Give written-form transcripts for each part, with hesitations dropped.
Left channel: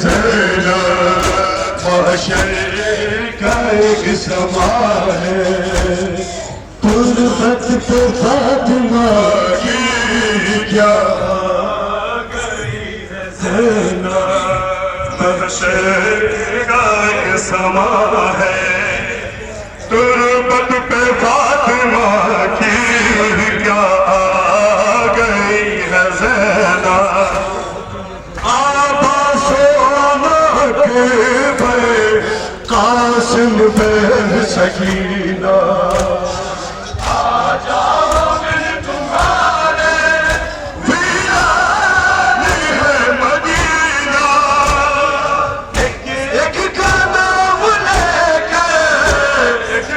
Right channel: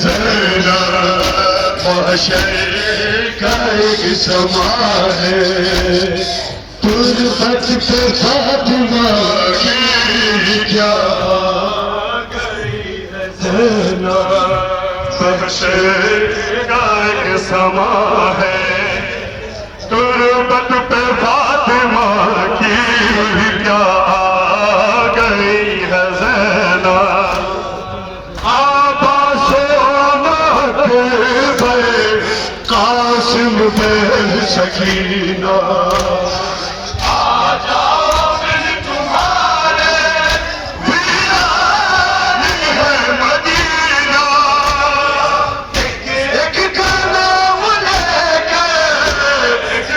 ज़ैनब महशर का एक समा है। तुर्बत पे फातिमा की क्या गई है ज़ैनब महशर का एक समा है। तुर्बत पे फातिमा की क्या गई है ज़ैनब। कासिम पे सकीना आ जाओ मिल तुम्हारे वीरान है मदीना। एक का नाम लेके एक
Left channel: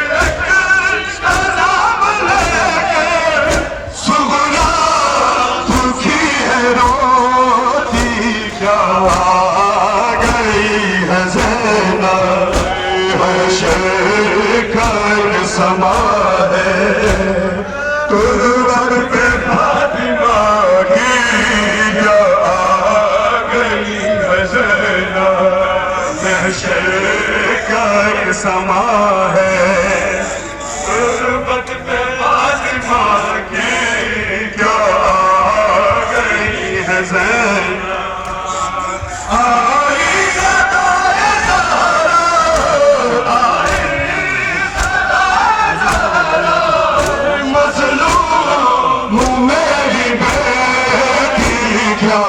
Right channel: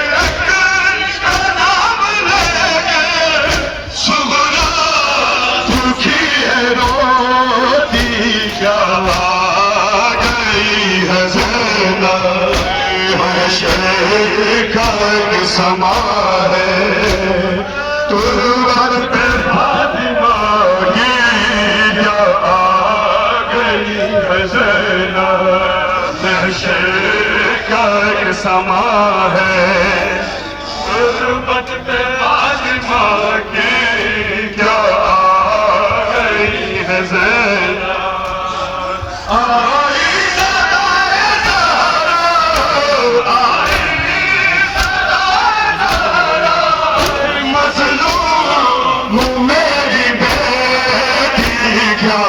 का नाम लेके सुगना दुखी है रोती क्या गई है ज़ैनब शेखर समा है। तुर्बत पे फातिमा की क्या गई है ज़ैनब शेखर समा है। तुर्बत पे फातिमा की क्या गई है ज़ैनब। मेरी बेटी क्या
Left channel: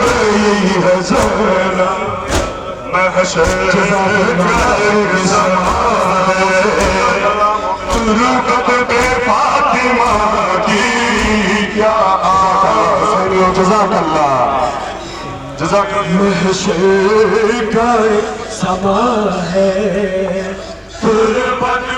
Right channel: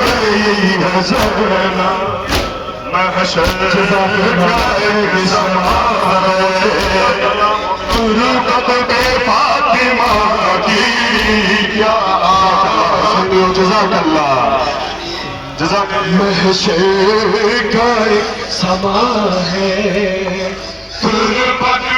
गई है ज़ैनब महशर का समा है। तुर्बत पे फातिमा की क्या जज़ाकल्लाह महशर का समा है। तुर्बत